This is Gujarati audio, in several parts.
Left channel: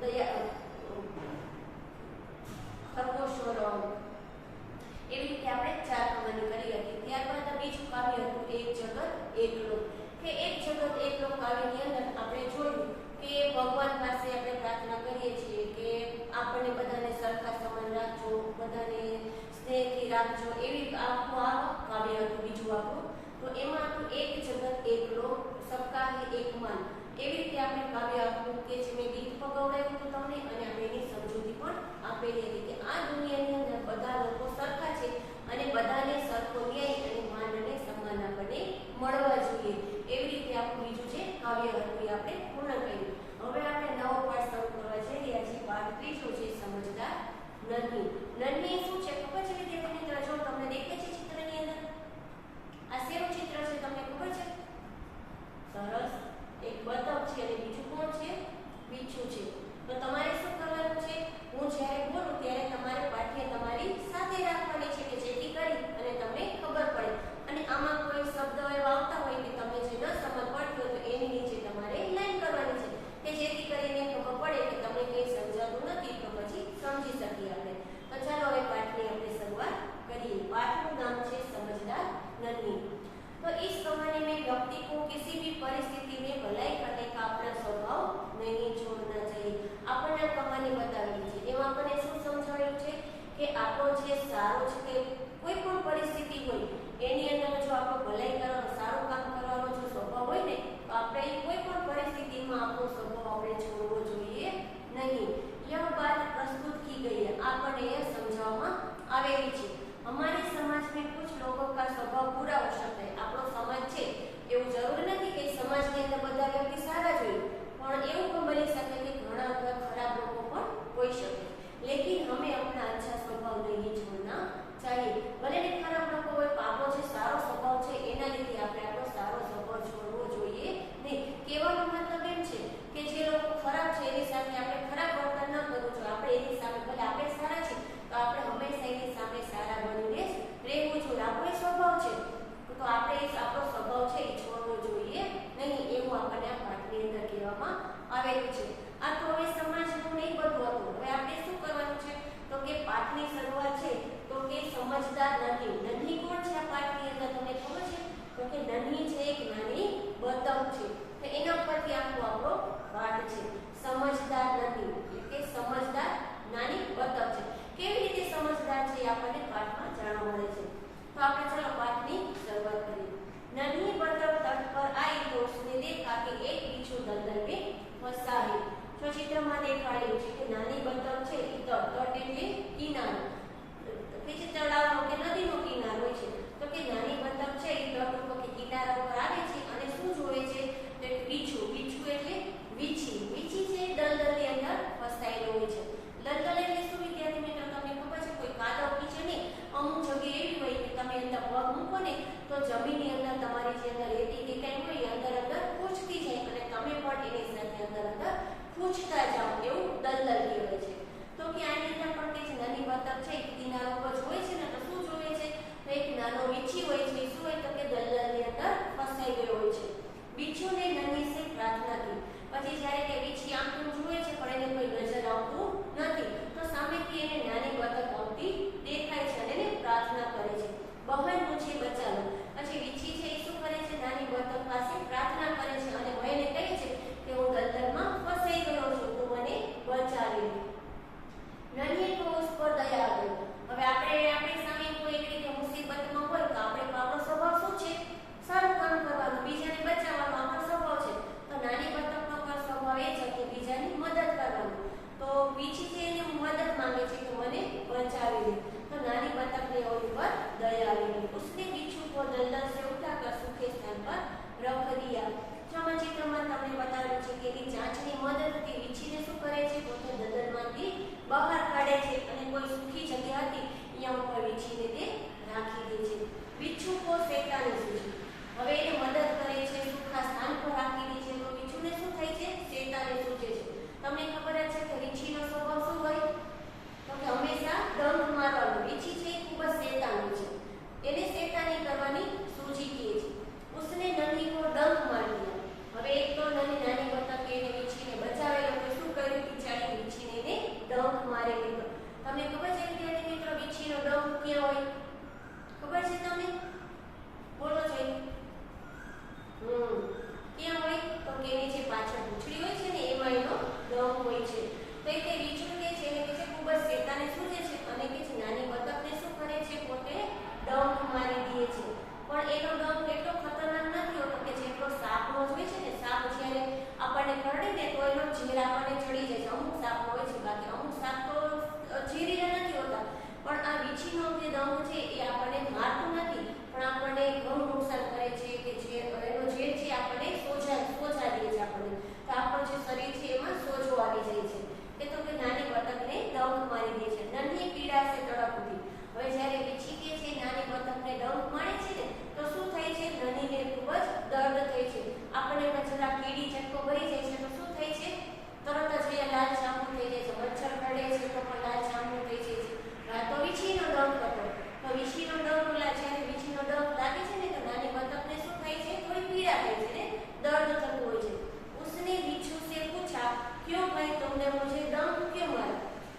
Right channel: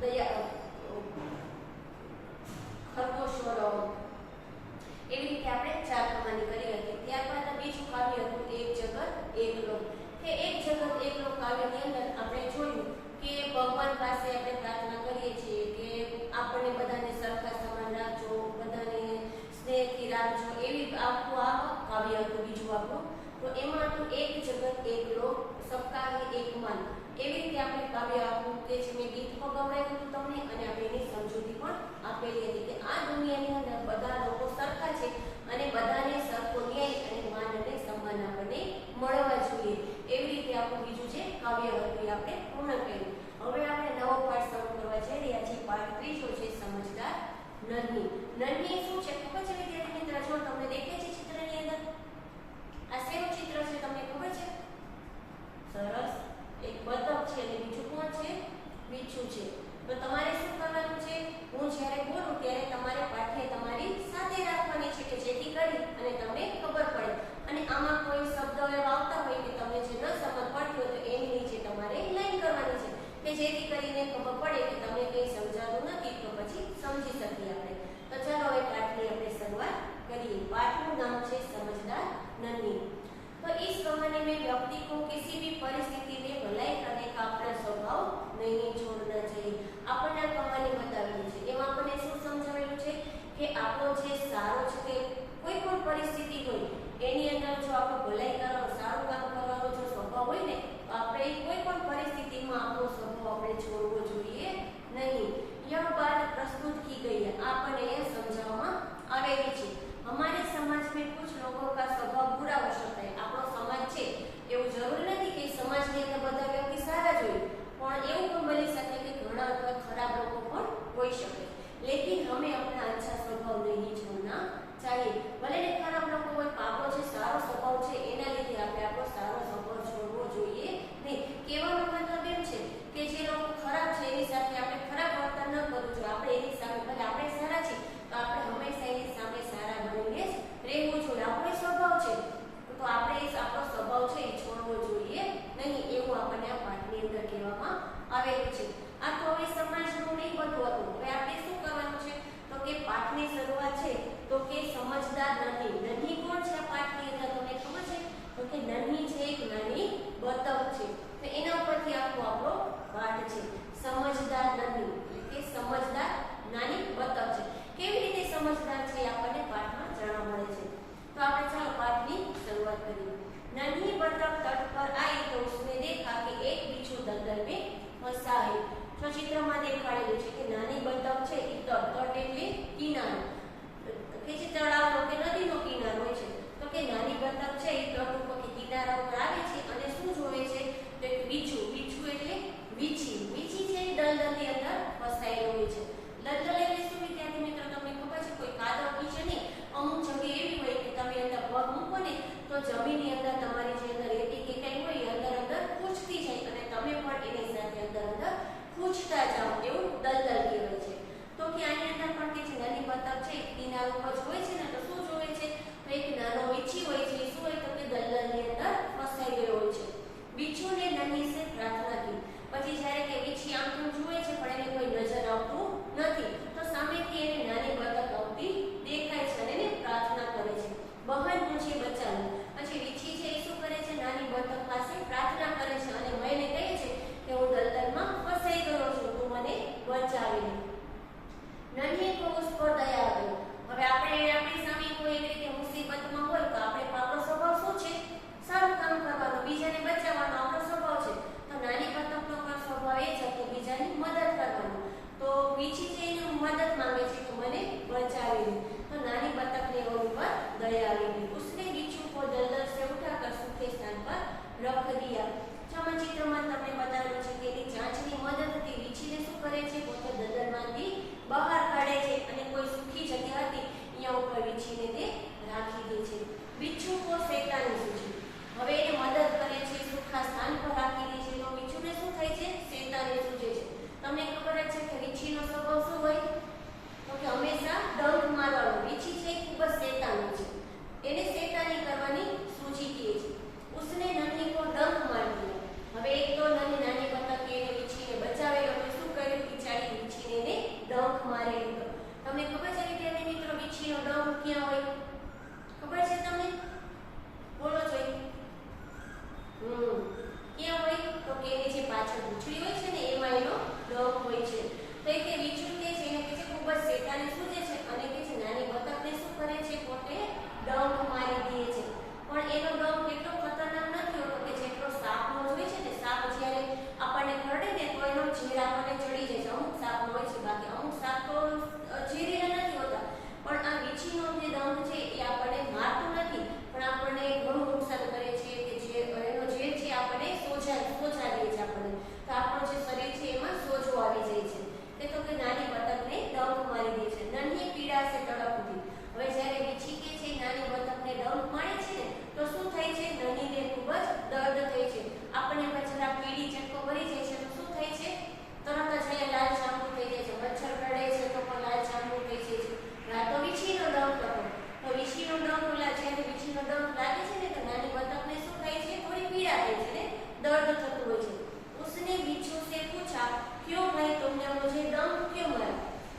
દયા ખરગોશોનો એવી રીતે આપણે 4 કમાની કરી હતી। ત્યારબાદ બીજું કાવ્ય હતું કે એક જગત એક લોક કે એક જગત એક લોક કાવ્યની અંદર આપણે જોયું કે ભગવાન પાસે આપણે પ્રાર્થના કરીએ છીએ કે આપણને બધાને સરખા સમાન રાખજો, બધાને સ્નેહથી રાખજો, એવી આખું આ કાવ્ય હતું બીજું આપણું। તો એમાં હતું એક જગત એક લોક સબકા હી એક મન, એવી રીતે આપણે કાવ્ય આપ્યું કે જે મેં ગીત પગવડાવ્યું હતું તમને અને આપણે એની સમજૂતી પણ આપેલી હતી કે આ દુનિયાની અંદર બધા લોકો સરખા છે અને બધાને સરખો ન્યાય અને માન અને સન્માન આપણને મળવા જોઈએ, એવી રીતે આપણું બીજું છે કાવ્ય હતું એ આપણે પૂર્ણ કર્યું। હવે આપણે નવો પાઠ શરૂ કરવા જઈ રહ્યા છીએ। પાઠ ત્રીજો છે સમજદાર નન્હી। નન્હી શું છે ખબર છે વિદ્યાર્થી મિત્રો? જો તમને દેખાય છે ચિત્રની અંદર આ શેનું ચિત્ર છે તમને ખબર છે? સરસ, એક બતક છે અને બીજું કોણ છે? વીછું છે। તો તમારે શું કરવાનું છે? હું જ્યારે બોલું ત્યારે તમારે પાઠને તમારી સાથે રાખવાની છે કે જેથી કરી અને તમને ખબર પડે અને આમાં કોઈ શબ્દ એવા આવતા હોય કે તમને જે ન સમજ પડતી હોય તો એની નીચે તમારે લાઈન કરવાની છે કે જેથી કરીને ખબર પડે કે તમને કંઈ સમજાતું નથી તો પછી સમજી શકીએ આપણે। તો ચાલો હવે પાઠની આપણે શરૂઆત કરીએ। पाठ का नाम है समझदार नन्ही। तो इस कहानी में व्यक्ति को किसी भी परिस्थिति में भलाई करने का अपना स्वभाव नहीं छोड़ना चाहिए। आपने कहानी बतावेली છે એમાં આપણે શું સમજાવેલું છે કે આપણો જે સારો છે કે કોઈ પણ પરિસ્થિતિ હોય એની અંદર જો આપણો ભલાઈ કરવાનો સારું કામ કરવાનો જો સ્વભાવ હોય ને તો આપણે કોઈ પણ પરિસ્થિતિમાં આપણો સ્વભાવ આપણે છોડવો જોઈએ नहीं। यह बात प्रस्तुत की गई है, आपने यह समझावવામાં આવેલી છે। हमारे समाज में कुछ लोगों का स्वभाव बुरा हो सकता है। આપણો સમાજ છે એવું જરૂરી નથી કે સમાજની અંદર બધા વ્યક્તિ સારા જ હોય, પણ એવું પણ બની શકે કે ઘણા વખત ખરાબ લોકો પણ હોઈ શકે। लेकिन हमें अपना अच्छा स्वभाव नहीं छोड़ना चाहिए। भले ને ખરાબ લોકો હોય પણ આપણો જે સારો સ્વભાવ છે એના લીધે આપણે આપણો સારો સ્વભાવ છોડવો જોઈએ નહીં। કહેવાનો મતલબ એમ છે કે જે લોકો ખરાબ છે એની સાથે આપણે ખરાબ વર્તન ન કરવું જોઈએ। આપણે એની સામે ભલે આપણે સારા છીએ તો આપણે હંમેશા એની સામે સારા બનીને જ રહેવું જોઈએ। આપણો સ્વભાવ છે તો આપણે આપણો સ્વભાવ છે એ છોડવો જોઈએ નહીં, એવું આપણને આ પાઠની અંદર કહેવામાં આવેલું છે। આ તો હવે સમાજનું નહીં બધું હતું। હવે આપણે શું કરવાનું છે તો કે પાઠની શરૂઆત છે તો કે સમજદાર નન્હી। નન્હી કોણ છે આ પાઠની અંદર તમને ખબર છે? તો કે નન્હી છે એક નાની બતક છે, તો એના પરથી આખો આપણો પાઠ છે સમજદાર નન્હી કે સમજદાર નાની બતક છે। કેવી રીતે સમજદાર છે આપણને પાઠમાં જાણવા મળે છે। तो આપણે ચાલો પાઠની શરૂઆત કરીએ। नन्ही बतख तट पर आई तो उसने देखा कि एक बिच्छू दलदल में फंसा है। जो चित्રમાં દેખાડેલું છે કે નાની બતક છે એ તટ એટલે કિનારો કે જે તળાવનો કે નદીનો કિનારો હોય છે, તો કે નાની બતક છે એ તટ ઉપર કે કિનારા ઉપર આવે છે અને શું જોવે છે તો એક બીછું, બીછું એટલે વીછી, વીછી છે દલદલની અંદર ફસાયેલો હોય છે। દલદલ એટલે શું વિદ્યાર્થી મિત્રો તમને ખબર છે? કોઈ કાદવ હોય છે ને અમુક જગ્યાએ એવી હોય કે તમે અંદર પગ મૂકો ને તો જમીનની અંદર તમારી જે અંદર રેતી કે કંઈ હોય એ અંદર અંદર ખૂંચતી જાય અને તમે પણ એની સાથે અંદર અંદર ખૂંચતા જાઓ, એવું દલદલ કહેવાય છે। તો કે આની અંદર પણ કે જે નાની બતક છે કિનારો પર હોય છે ને તો શું જોવે છે તો એક નાનો વીછી હોય છે, શું હોય તો કે દલદલની અંદર ફસાઈ ગયો હોય છે। બીછુને નન્હી સે પ્રાર્થના की। પછી જ્યારે કે વીછી આમ તો જુએ છે પણ એને કોઈ નજર આવતું નથી, તો સામેથી એને નાની બતક આવતી દેખાય છે અને એને પ્રાર્થના કરે છે બહન મુझे बचा लो। પછી વીછી છે એ શું કરે છે નાની બતક પાસે પ્રાર્થના કરે છે અને એને કહે છે કે હું દલદલમાં ફસાઈ ગયો છું, તું મને બચાવી લે। નન્હી को उस पर दया आ गई। હવે આપણે આપણી સામે કોઈ એવી રીતે મુસીબતમાં હોય તો આપણે આપણો સ્વભાવ શું છે? સારું કામ કરવાનો, બીજાને બચાવવાનો આપણો સ્વભાવ છે। તો નાની બતકનો પણ સ્વભાવ એ છે કે બીજાની મદદ કરવાનો। તો વીછી છે એને મદદ માંગે છે કે મને બચાવી લે, તો નાની બતકને ઓની પર દયા આવી ગઈ। उसने बिच्छू को दलदल से उठाकर सूखे स्थान पर रख दिया। ચિત્રમાં તમને બતાવેલું છે કે એની ચાંચની મદદથી વીછીને શું કરે છે પોતે દલદલમાંથી બહાર કાઢે છે અને કોઈ સૂકી જગ્યા હતી અહીંયા ઉપર વીછીને તે રાખી દે છે। बिच्छू को શેતાની સૂચી। હવે એને મદદ કરે છે, સૂકા સ્થાન પર રાખી દે છે તો વીછુને શું થાય છે? શેતાની સૂચે છે। તમને ખબર જ છે કે વીછીનો સ્વભાવ શું હોય તો કે હંમેશા ડંખ મારવાનો। વીછી છે ખૂબ જ શેતાની છે, એને શેતાની કરવાની સૂચી કહે છે। उसने नन्ही को डंक मार दिया। હવે એક તો નાની બતકે એને વીછીને બચાવેલો તો શું કર્યું? બિચારી તમને ખબર છે વિદ્યાર્થી મિત્રો વીછીનો ડંખ ક્યાં હોય? ખબર છે તમને? બોલો જોઈ. ક્યાં હોય? તો કે એની જે પાછળ પૂંછડી હોય છે ને એમાં એનો ડંખ હોય છે. તો એ વીછું કે છે એને કે છે ખૂબ જ શેતાને સૂજે છે અને કે છે નાની બતકને શું કરે છે? પોતે ડંખ મારી દે છે. પણ એનો ડંખ એટલો ખતરનાક નથી હોતો કે જેટલો સાપનો હોય છે ને. સાપ જ્યારે આપણને કરડે ને તો એનો ઝેર આપણને ચડી જાય છે. અમુક સાપ હોય છે, બાકી અમુક સાપ તો ઝેરીલા નથી હોતા. પણ આ વીછીનો જે ડંખ છે એ આપણને મારતું નથી, પણ આપણને ઘણું નુકસાન કરે છે કે જે એનો ઝેર છે આપણને સોજા દે છે આપણને. તો આપણું જે શરીર છે એમાં સોજો આવી જાય છે. તે તો કે નાની બતકને ડંખ મારી દે છે. નન્હી પીડાશે તડપથી. હવે જ્યારે વીછી કે છે નાની બતકને ડંખ મારે છે ને તો શું થાય છે? નન્હીને ખૂબ જ દર્દ થાય છે. આપણને જરા કીડી ચટકો ભરી જાય છે તો શું થાય છે? તરત જ અહીંયા લાલ ચામડું થઈ જાય છે. મચ્છર કરડે છે તો પણ લાલ ચામડું થઈ જાય છે. આ તો વીછીનો ડંખ હતો. તો વીછીનો ડંખ જ્યારે વીછીનો ડંખ લાગે છે ને તો નાની બતકને શું થાય છે? થોડી પીડા થાય છે ને દર્દ થતું હોય છે. उसने वीछू से पूछा क्यों भाई तुमने मुझे डंक क्यों मारा?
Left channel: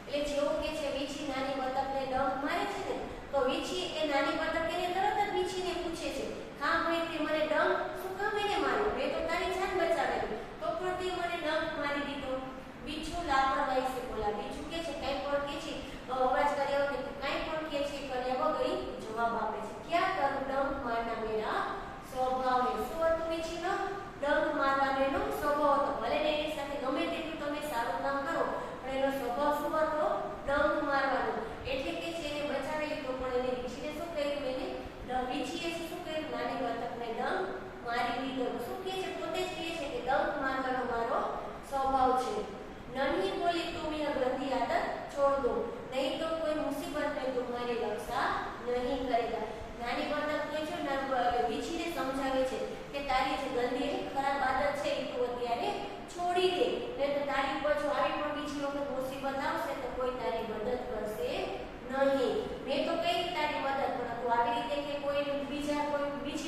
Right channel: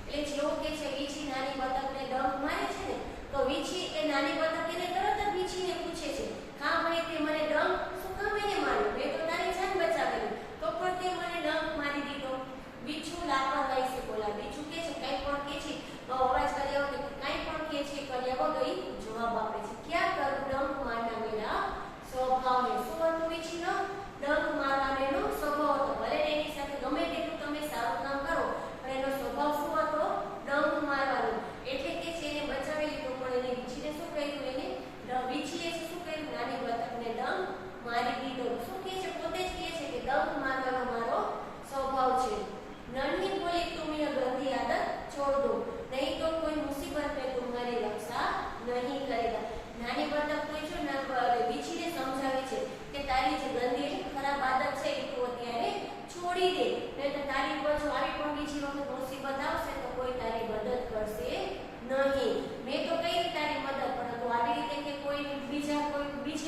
એટલે જેવું કે છે વીછી નાની બતકને ડંક મારે છે ને તો વીછી એ નાની બતક એને તરત જ વીછીને પૂછે છે, હા ભાઈ તે મને ડંક શું કામ એને માર્યો? મેં તો તારી જાન બચાવેલી, તો પણ તે મને ડંક મારી દીધો. વીછું લાપરવાહી સે બોલા. વીછું કે છે કઈ પણ કે છે અવાજ કર્યા વગર કઈ પણ કે છે કર્યા વગર જવાબ આપે છે. ક્યાં કરું ડંક મારના મેરા સ્વભાવ હે. શું હતું વીછીનો? ડંક મારવાનો એનો સ્વભાવ હતો. ભલે એની સાથે ગમે તેટલું તમે સારું કામ કરો પણ એનો સ્વભાવ શું હતો? ડંક મારવાનો. એટલે કે છે એને બચાવી લીધો, પણ એને વીછીને શું કર્યું? એને વીછીએ શું કર્યું? નાની બતકને ડંક મારી દીધો. શું કહે છે? પોતે જ કહે છે કે ડંક મારવાનો મારો સ્વભાવ છે. नन्ही बोली तुम यह गंदी आदत छोड़ दो, नहीं तो कोई मुसीबत में तुम्हारी रक्षा नहीं करेगा. નાની બતક કોઈ છે વીછીને સમજાવે છે કે તારી જે ગંદી એટલે ખરાબ આદત છે એ તું અત્યારે છોડી દે, નહીં તો તારી પર જો આવી પણ બીજી વખત મુસીબત આવશે તો કોઈ તારી મદદ કરશે નહીં. મેં તો કઈ તારી મદદ, પણ તું આવી રીતે કે કોઈ બીજી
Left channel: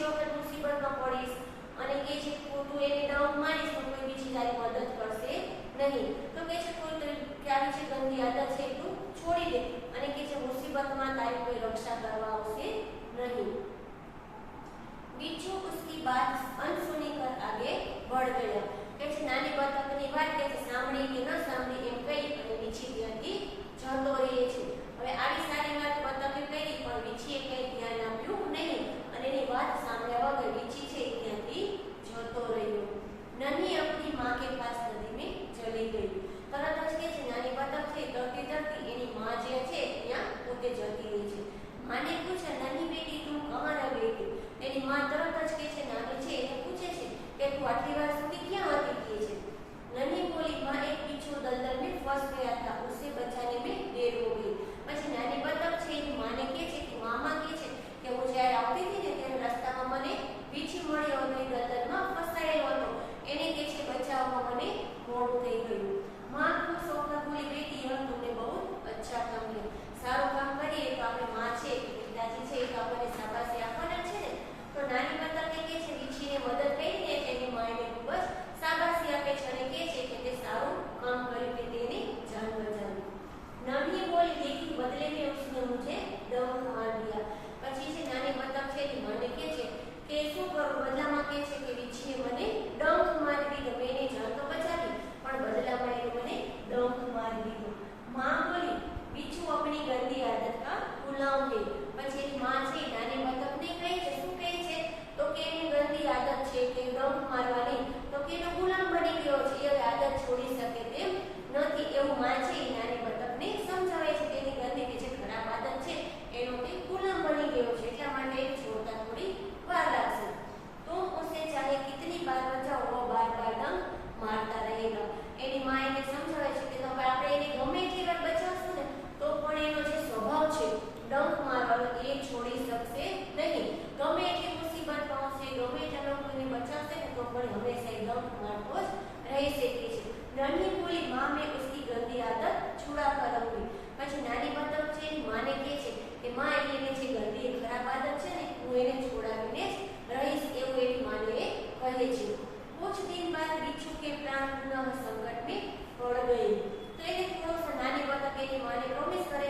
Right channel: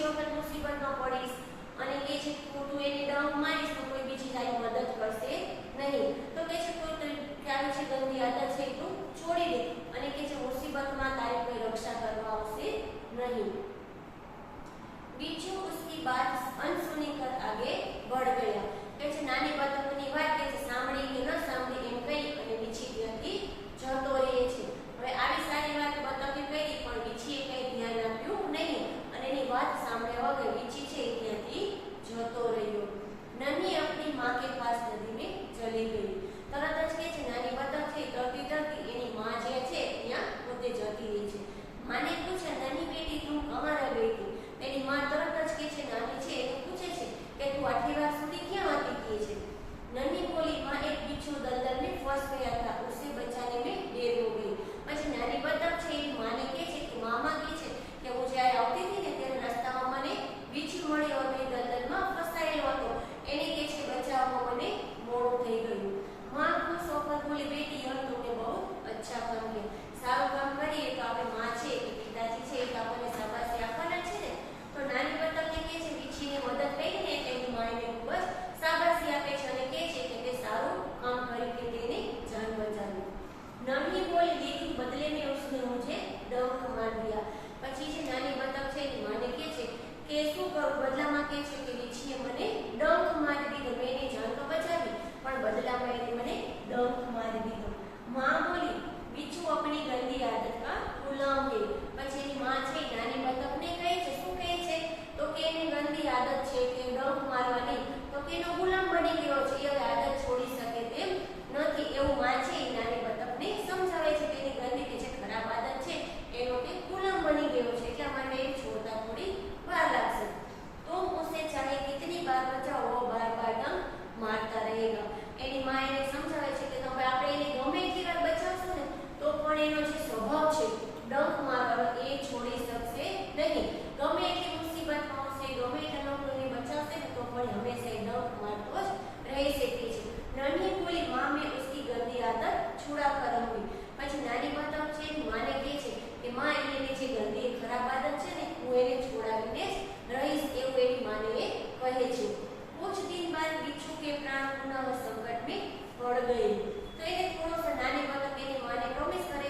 વખત મુસીબતમાં પડીશ અને કે છે તું એને ડંક મારીશ તો કોઈ બીજી તારી મદદ કરશે નહીં. તો કે છે કોઈ તારી જે ગંદી આદત છે તું છોડી દે અને કે છે મુસીબતમાં તારી કોઈ રક્ષા કરવા આવશે नहीं. वीछू उसकी बात अनसुनी कर आगे बढ़ गया. કે છે નાની બતકની વાત કે છે સાંભળી કે ન સાંભળી એમ કહી અને વીછી ત્યાંથી જતો રહે છે. હવે આવી સારી વાત બતકે કરી પણ વીછીએ કઈ ધ્યાન આપ્યું નહીં અને એની વાત સાંભળ્યા વગર વીછી છે ત્યાંથી જતો રહ્યો. નન્હી अपनी मां के पास नदी में चली गई. તરત જ કે છે નાની બતક છે તરતી એની માં જે છે ત્યાં પોતે જતી રહી છે. માને પૂછે નાની બેટી તું કહાં રહી ગઈ? એની માં તરત જ કે છે નાની છે એને પૂછે છે કે તું આટલી વાર સુધી ક્યાં હતી? કે છે નन्ही बोली मां एक बिच्छू दलदल में फंस गया था, उसे बचाने में देर हो गई. પછી નાની બતક છે એ માને કે છે કે મામા કે છે કે હું જ્યારે આવતી હતી ને ત્યારે રસ્તામાં મને વીછી મળ્યો અને દલદલમાં ફસાયેલો હતો, એને કે છે બચાવવા મને મોડું થઈ ગયું. मां खुश होकर बोली बेटी यह तुमने बहुत अच्छा काम किया. સારું કામ કરીએ તો આપણે માં છે કે પિતાજી છે એ આપણને શાબાશી આપવાના છે ને. તો નાની બતક કે છે વીછીને મદદ કરી ને તેની માને ખૂબ જ શાબાશી આપે છે અને કહે છે કે તે સારું કામ કર્યું કે તેને જાન બચાવી. નન્હી બોલી देखी बदले में उसने मुझे डंक मार दिया. પછી છે નાની બતક છે એની માને કહે છે કે શું કરું? બદલામાં કહે છે કે વીછીએ મને ડંક મારી દીધો. મેં એની જાન તો બચાવી પણ બદલામાં એને મને ડંક મારી દીધો. मां बोली बिच्छू अपनी गंदी आदत का गुलाम है. પછી એની માં છે નાની બતકને કહે છે શું કહે છે? તો કે એની ગંદી આદત છે કે ડંક મારવાની, તો કે એનો ગુલામ બની ગયો છે, એ આદત છોડી શકે તેમ નથી. એવું માં છે એ નાની બતકને સમજાવે છે કે એની ગંદી કે જે ખરાબ આદત છે એનો કે ગુલામ બની ગયો છે, એટલા માટે એ છોડતા થોડી વાર લાગશે. तुम उसे चाहे कितनी बार बचाओ वो बार बार डंक मारता रहेगा. એની માં એને સમજાવે છે કે તમે આપણે એને ગમે એટલી વાર બચાવશું ને તો પણ એનો જે સ્વભાવ છે ડંક મારવાનો એ છોડી શકશે નહીં. ગમે એટલી મુસીબતમાં હશે, ગમે એટલા લોકોને બચાવશે ને તો પણ હંમેશા એ ડંક મારતો જ રહી શકે છે. નન્હી બોલી मां मैं उसकी गंदी आदत छुड़ा कर रहूंगी. પછી નાની બતક છે એની માને કહે છે કે માં એની જે ગંદી ખરાબ આદત છે ને હું એને છોડાવીને જ રહીશ, એવું એની માને કહે છે. कुछ दिन बाद बिच्छू के प्राण पुनः संकट में पड़ गए. तो એને થોડો નાની બતક એની માને પ્રોમિસ કરે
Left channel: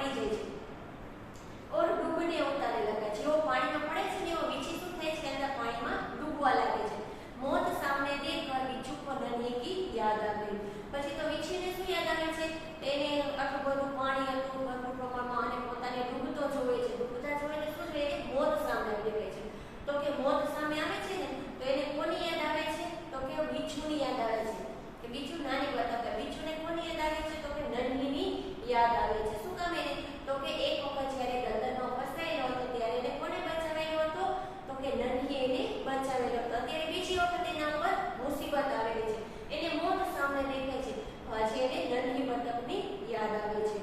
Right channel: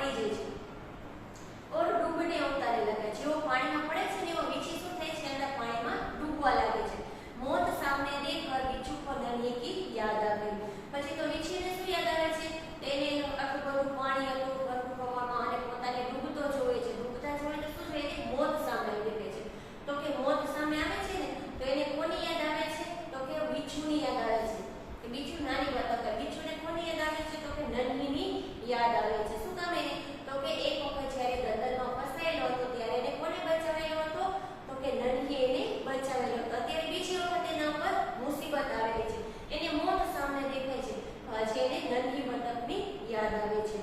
પડી જાય છે और डूबने उतारे लगा जेવો પાણીમાં પડે છે ને એવો વીછી શું થાય છે અંદર પાણીમાં ડૂબવા લાગે છે मौत सामने देखकर बिच्छू को डरने की याद आ गई પછી તો વીછીને શું યાદ આવે છે તેને આટલું બધું પાણી હતું ભરપૂર પ્રમાણમાં અને પોતાને ડૂબતો જોવે છે ડૂબતા જોઈને શું થાય છે મોત સામે આવે છે તો કે મોત સામે આવે છે ને તો એને કોની યાદ આવે છે તો કે બીછુની યાદ આવે છે કે બીછુ નાની બતક બીછુને કોની યાદ આવે છે તો કે નન્હીની યાદ આવે છે શું કામ એને તો કે એક વખત જ્યારે ગંદરમાં ફસાયેલો હતો ત્યારે એને કોને બચાવેલો હતો તો કે નન્હી એને બચાવેલો હતો અત્યારે બીજી વખત એના પર મુસીબત આવેલી છે એને મોત સામે દેખાય છે આજે એને નન્હી બતકની યાદ આવે છે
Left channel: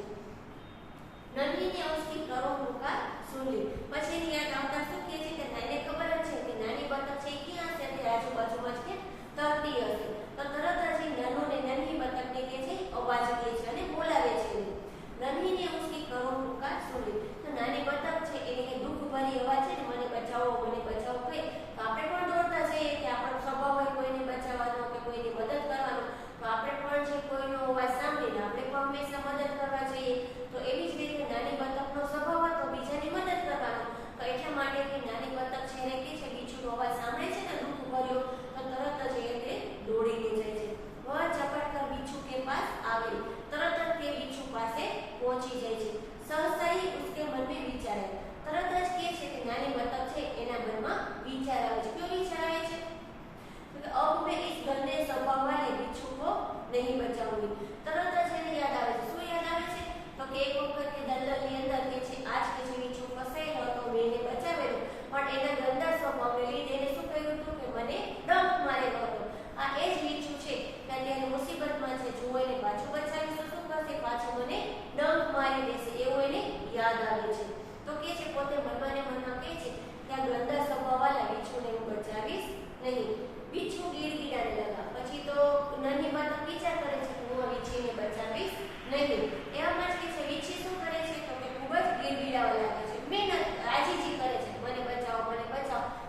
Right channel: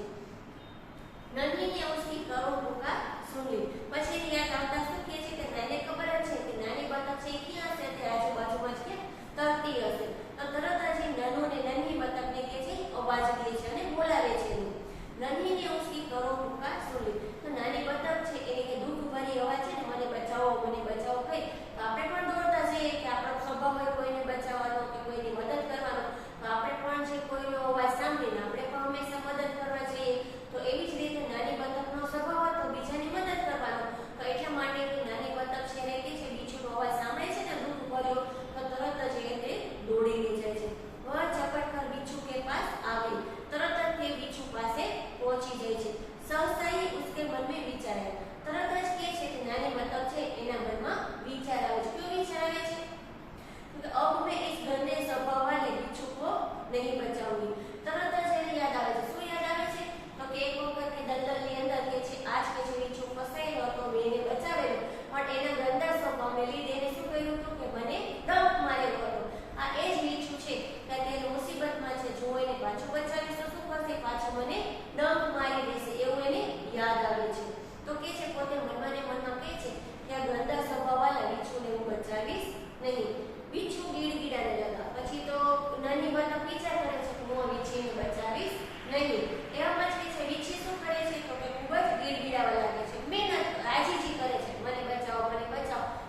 નન્હી ને उसकी करुण पुकार सुन ली પછી એની યાદ આવતા શું કહે છે કે એને ખબર જ છે કે નાની બતક છે એ ક્યાં છે તે આજુબાજુમાં જ કે તરતી હશે તો તરત જ નન્હો ને નન્હી બતકને કે છે અવાજ દે છે અને બોલાવે છે નન્હી ને उसकी करुण पुकार सुन ली તો નાની બતક છે એને કે દુઃખ ભરી અવાજ છે ને મને બચાવો કહી તો આપણે પણ દોડતા જઈએ કે આપણો સ્વભાવ હોય કોઈને બચાવવાનો કે કોઈની મદદ કરવાનો તો આપણે પણ જે કોઈનો અવાજ સાંભળીને આપણે પણ હંમેશા મદદ કરવા જઈએ તો એવી જ રીતે નાની બતકનો સ્વભાવ હતો બીજાની મદદ કરવાનો તો એટલા માટે કે નાની બતક છે એને કે છે બીજુનો અવાજ સાંભળે છે ને દુઃખ ભર્યો તો તરત જ એ દોડીને જાય છે વહ ઝપટ કર બીછુ કે પાસ आ गई તરત જ તે બીછુ પાસે પહોંચી જાય છે सहसा ही उसके मन में विचार आया તરત જ કે છે કે નાની બતક છે એના મનમાં વિચાર આવે છે કયો વિચાર આવે છે તો अब मैं इस गंदे स्वभाव वाले बिच्छू को नहीं बचाऊंगी તરત જ એને યાદ આવે છે શું યાદ આવે છે તો કે એક વખત કે દલદલની અંદર કે છે આજ કે જે બીછુ ફસાયેલો હતો મેં એને બચાવેલો પણ એના ગંદા સ્વભાવને લીધે એને શું કહ્યું હતું કે મને ડંખ મારેલો હતો આ એ જ બીછુ છે કે અત્યારે મુસીબતમાં છે જો એને પાછું બચાવીશ તો શું કરશે પાછું મને ડંખ મારી દેશે એવું એને યાદ આવે છે તો કે છે પોતે મનમાં ને મનમાં કહે છે કે આ ગંદા સ્વભાવવાળા બીછુને હું બચાવીશ નહીં બીછુ ગીડગીડાને લગા પછી તો નાની બતક વિચાર કરે છે કે હું આ વીછીને બચાવીશ નહીં એવામાં જ કે છે વીછી શું કરે છે તો કે ખૂબ જ ગીડગીડાવા લાગે છે મહેનત આજીજી કરે છે મને બચાવો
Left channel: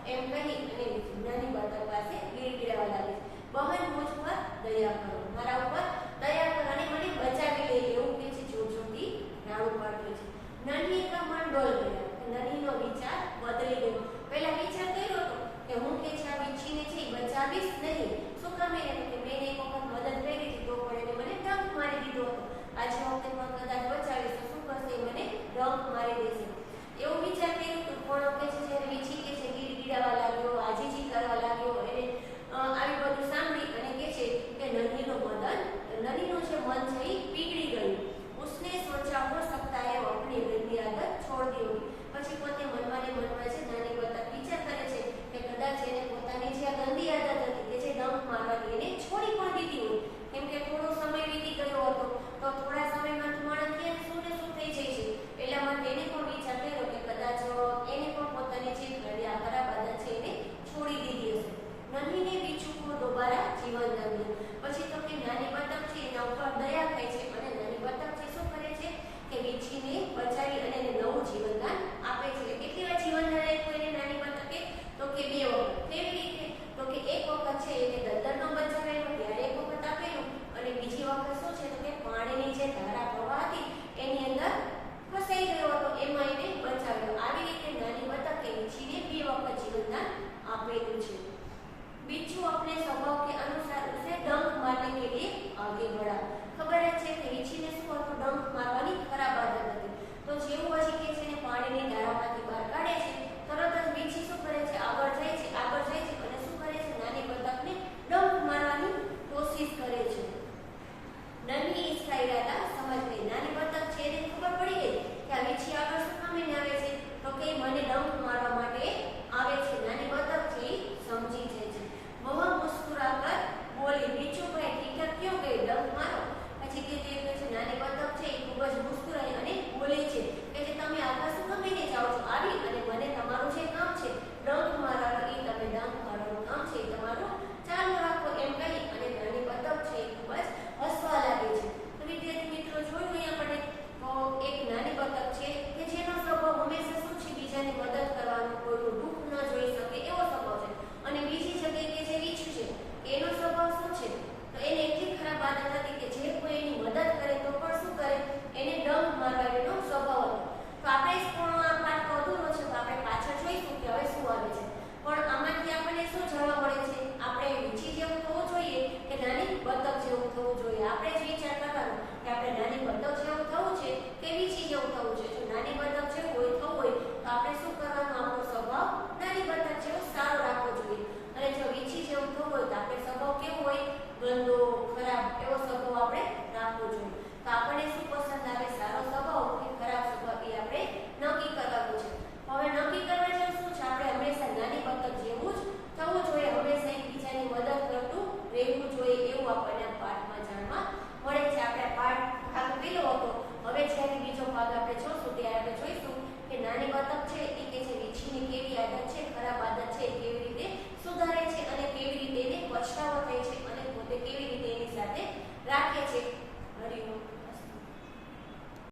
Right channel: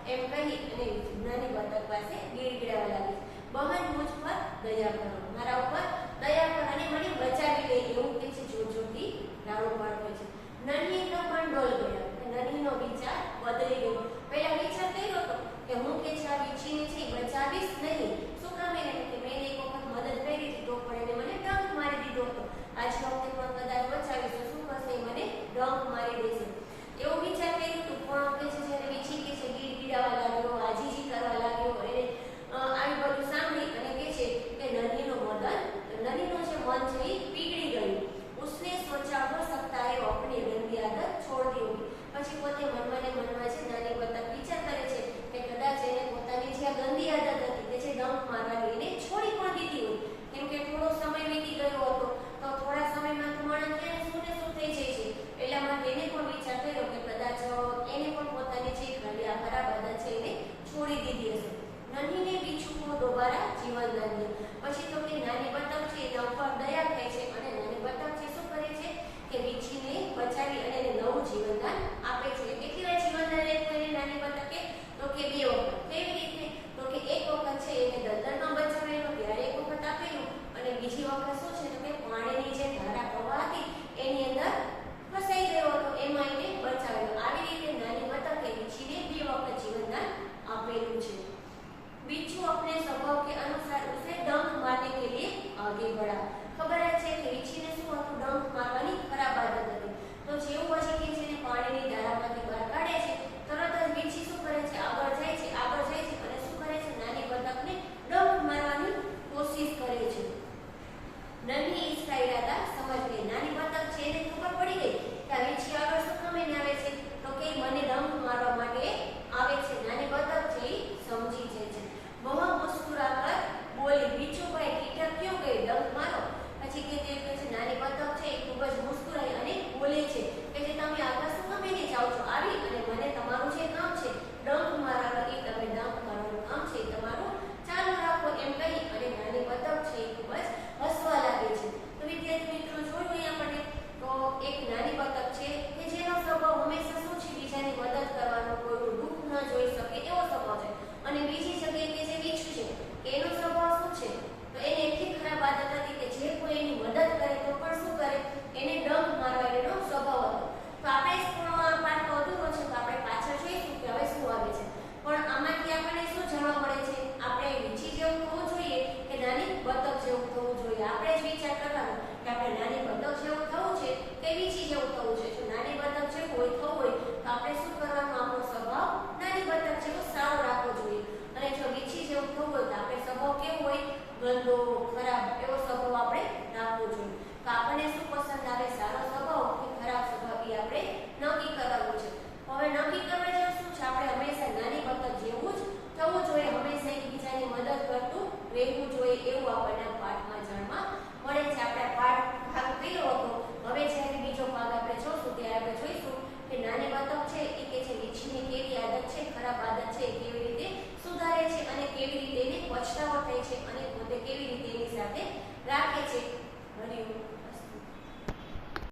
એમ કહી અને નાની બતક પાસે ગીડગીડાવા લાગે છે બહન મુझ પર દયા કરો મારા ઉપર દયા કરો અને મને બચાવી લે એવું કહે છે જોરથી નાણું પાડતો છે નન્હી કા મન ડોલ ગયા નન્હીનો વિચાર બદલી ગયો પહેલા વિચાર કર્યો હતો કે હું કે છે આ વીછીને છે બચાવીશ નહીં શું કામ એને કે મેં એક વખત મદદ કરી હતી તો પણ એને મને ડંખ મારી દીધો હતો આજ વખતે પણ કદાચ બચાવીશ તો શું કરશે મને ડંખ મારી દેશે એવું વિચાર કર્યું હતું પણ કે છે જ્યારે વીછી કે છે ગીડગીડાવા લાગ્યો આજીજી કરવા લાગ્યો એને આવી બધું સાંભળી અને કે છે કે નન્હીનું જે મન છે એ પીગળી ગયું उसने सोचा हो सकता है वो अपनी गंदी आदत छोड़ देगी પછી પોતે મનમાં ને મનમાં છે નાની બતક વિચાર કરે છે કે કદાચ એને પોતાની જે ગંદી આદત હતી કે જે ડંખ મારવાની એને છોડી પણ દીધી હોય કેમ કે થોડો સમય વીતી ગયો હતો તો થોડા સમયમાં માણસ ક્યાં શું ને શું થઈ જાય છે પહેલામાં એને પણ વિચાર કર્યો કે કદાચ એને પણ પોતાની જે ઘડિયા ખરાબ આદત છે એને છોડી દીધી હશે નન્હી ને બીછુ को दोबारा जीवन दान दिया પછી તો કે નાની બતક છે એના ઉપર દયા થાય છે અને નાની બતક છે શું કરે છે કે વીછીને બચાવી અને એને નવું જીવનદાન આપે છે કેટલી વાર જીવનદાન આપ્યું એને નાની બતકે તો કે 2 વખત કેવી રીતે તો કે એક વખત છે એને દલદલમાં બચાવેલો ત્યારે એક વખત આપેલું અને બીજી વખત શું છે તો કે પાણીની જે ધારા પ્રવાહ હતી એની અંદર ફસાઈ ગયો હતો એમાં એને બચાવેલો આવી રીતે નાની બતકે વીછીને 2 વખત જીવનદાન આપેલું છે बिच्छू अपने स्वभाव के अनुसार उसे डंक मारने के लिए आगे बढ़ा खबर है कि वीछी ने શું હતું ડંક મારવાની ખરાબ આદત હતી તો જેવું હશે કે જેને પાણીની ધારામાંથી બહાર કાઢે છે તરત જ વીછી શું કરે છે આગળ જાય છે અને શું કરે છે નાની બતકને ડંક મારવાની કોશિશ કરે છે નન્હી इसका इरादा समझ गई નાની બતક છે એને ખબર પડી ગઈ કે આ વીછી આગળ શું કામને આવે છે તો કે મને ડંક મારવા માટે આવે છે નાની બતક છે એ સમજી જાય છે वह मुस्कुराकर बोली बीचू भाई टीठक क्यों गई डंक मारो પછી તે કહે છે નાની બતક છે એ ખૂબ જ મુસ્કુરાઈ અને બોલે છે કે જે તમે આકાશ